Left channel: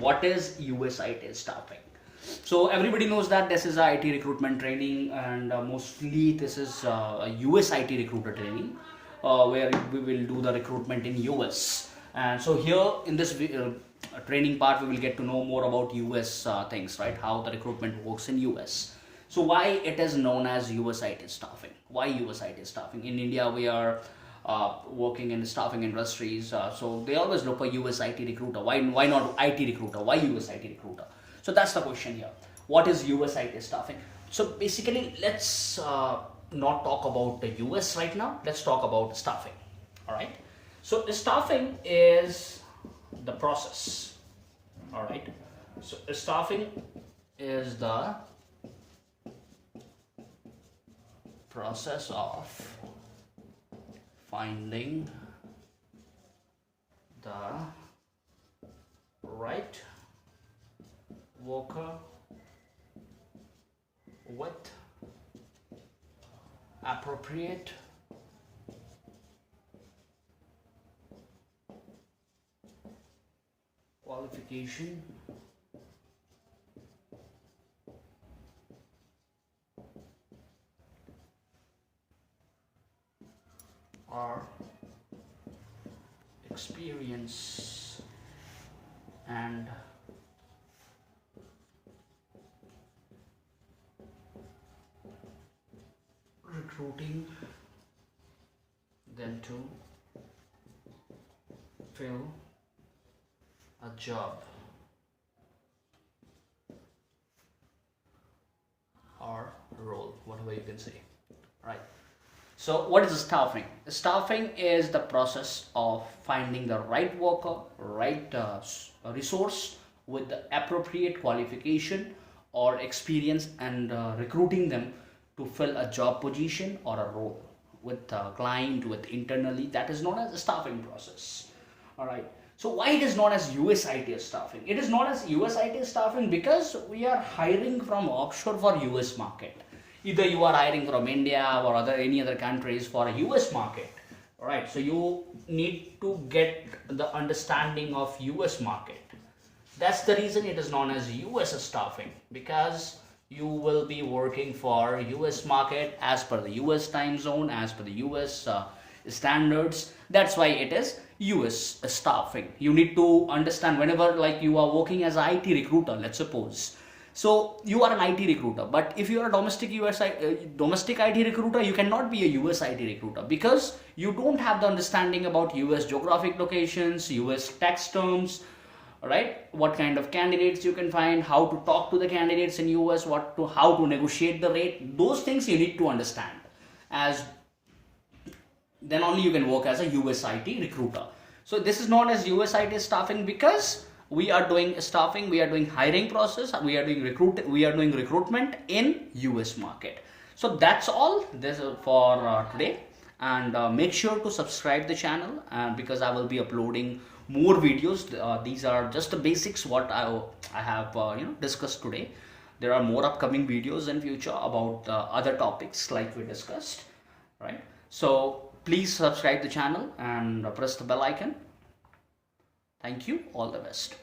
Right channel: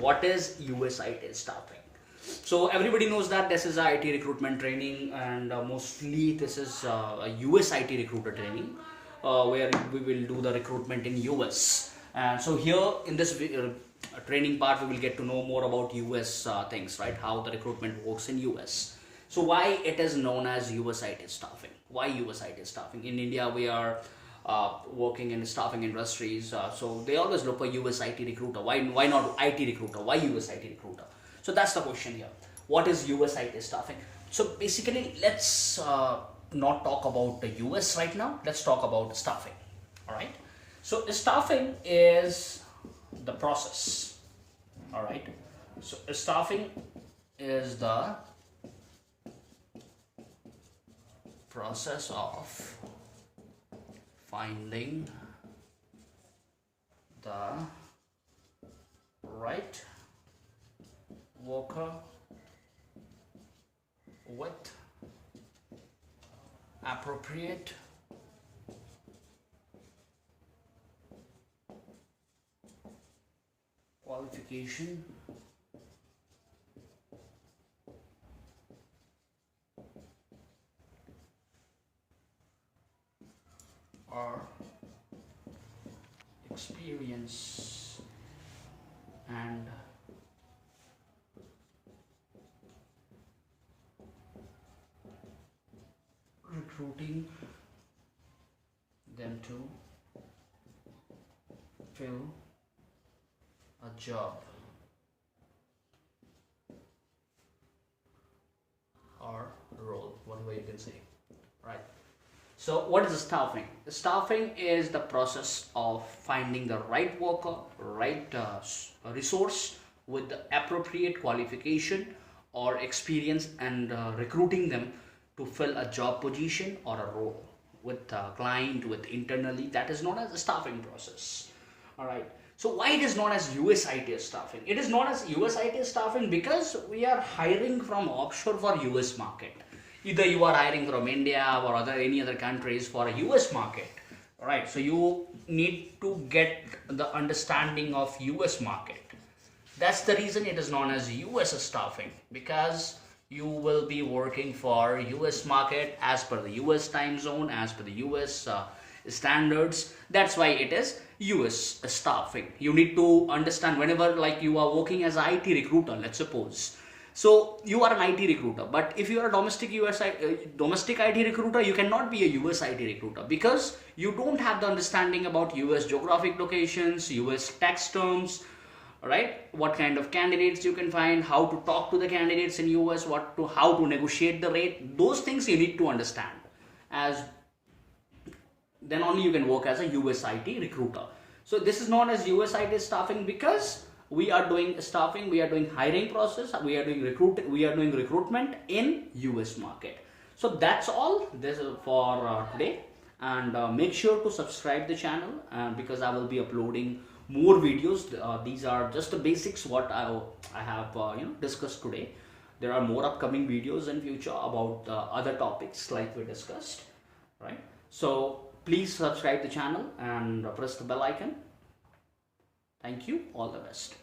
what is US IT staffing? So everybody knows that this is a IT recruitment training, and mostly this is a US IT recruiter training, where we will do the recruitment in US. And so here in this training part, we will get to know more about US things, right? How the recruitment works in US. So why it is known as US IT staffing? Why US IT staffing? In India, we are working in the staffing industries, so they always look for US IT recruiter. Why not IT recruiter? Why US IT recruiter? So that's the question here. What is US IT staffing? So basically, let's not talk about the US right now. Let's talk about staffing. All right. So staffing is the process. All right. So staffing is the process of finding the right worker with appropriate qualification or experience and recruiting them to fill a job or role, whatever you can say, right? So what is staffing? Staffing is the process of finding the right worker, right resource with the appropriate qualification or experience, and recruiting them to fill a job position or a role with a client, with internally. That is known as the staffing process. All right. So why it is known as US IT staffing? It is known as US IT staffing because we are hiring from offshore for US market. Either you are hiring from India or any other countries for a US market. All right. So you need to get the understanding of US market. That's the reason it is known as US staffing, because you will be working for US market as per the US time zone, as per the US standards. That's why it is US staffing. You need to understand whenever, like, you are working as an IT recruiter, let's suppose. So you are an IT recruiter, but if you are a domestic domestic IT recruiter, you cannot be a US IT recruiter because you don't have the understanding about US geographic locations, US tax terms, right? What kind of candidates you can find, how to talk to the candidates in US, how to negotiate the rate. Those things you need to understand, as then only you can work as a US IT recruiter. So this is known as US IT staffing because we are doing staffing, we are doing hiring process, we are doing recruitment in US market. So that's all this for today, and make sure to subscribe the channel, because I will be uploading more videos. These are just the basics what I have discussed today. There are more upcoming videos in future about other topics like we discussed, right? So please subscribe the channel and press the bell icon. Thank you. All the best.